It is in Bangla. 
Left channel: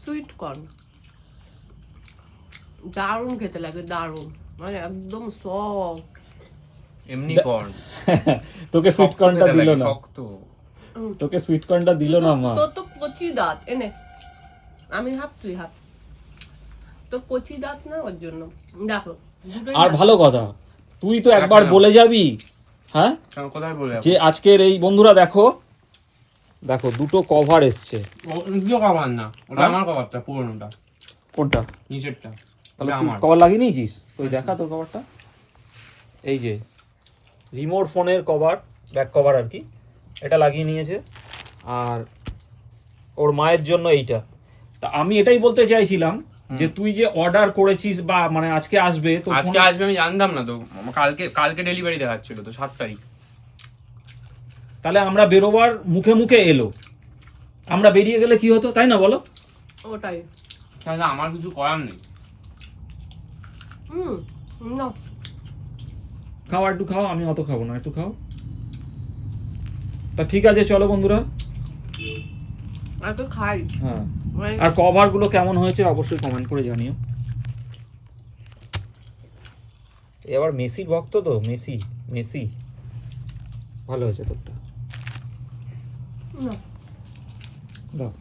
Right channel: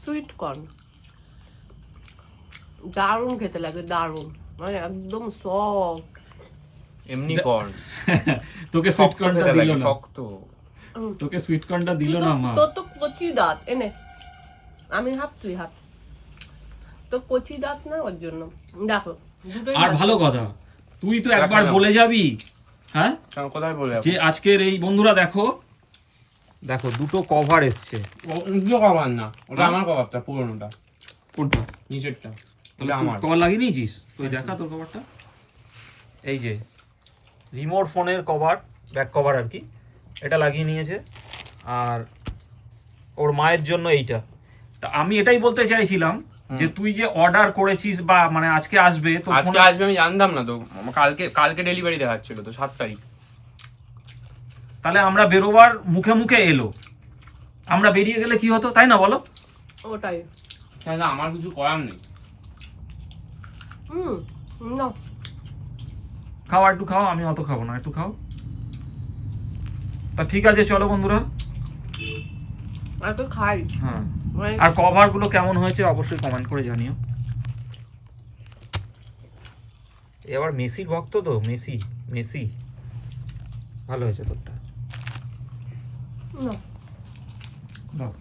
সুইট কর্ন দারুণ খেতে লাগে, দারুণ, মানে একদম সফট। এমনি কর্ন তোকে সুইট কর্নটা দিল না, শক্ত। তোকে সুইট কর্নটা দিল না মা। তোর তো কচি দাঁত, এনে আমি হাফ তুই হাফ, তো কচি দাঁত না ওর জন্য। দেখো আর ভালো কথা, তুই তো একবার বলে যাবি, হ্যাঁ কোথায় বলে যে আজকের এই বন্ধুরা দেখো দেখো দুটো কভার এসছে। ওগুলো কভার না, ওটা আমার কভারটা, পুরোনোটা। কোনটা? নিচেরটা। তাহলে ওটা তুই আমার কভার লাগিয়ে নিয়েছিস? ওই দেখা তোর কভারটা, এই যে রিমোট ফোনের কভার, ব্যাক কভার আর কি, এটা লাগিয়ে নিয়েছে। আর ওর মায়ের জন্য এইটা। তা আমি এটাই বলতে চাইছিলাম যে তুই যে অর্ডার করেছিস বা মানে আজকে আসবে, তো আজকে আসবে আমি জানতাম না তো, কালকে ডেলিভারি দেখাচ্ছিল তো 7 তারিখ। তাহলে আমরা বেরোবার মুখে মুখে এলো, আমরা বেরিয়ে গেলে কি হতো, তাই না বলো? ওটাই। তাহলে আমার কিছু করার নেই। না খাও, একটু খাও, আমি অত খাবো না, একটু খাও। তা ঠিক আছে চলো বন্ধুরা, একটু খাই। হ্যাঁ, আর কভার গুলো কেমন হয়েছে অবশ্যই কমেন্ট করে জানিও। এবার মেসির ভক্ত তো, মেসি মেসি ভালো হয়েছে তোরটা। না দাও।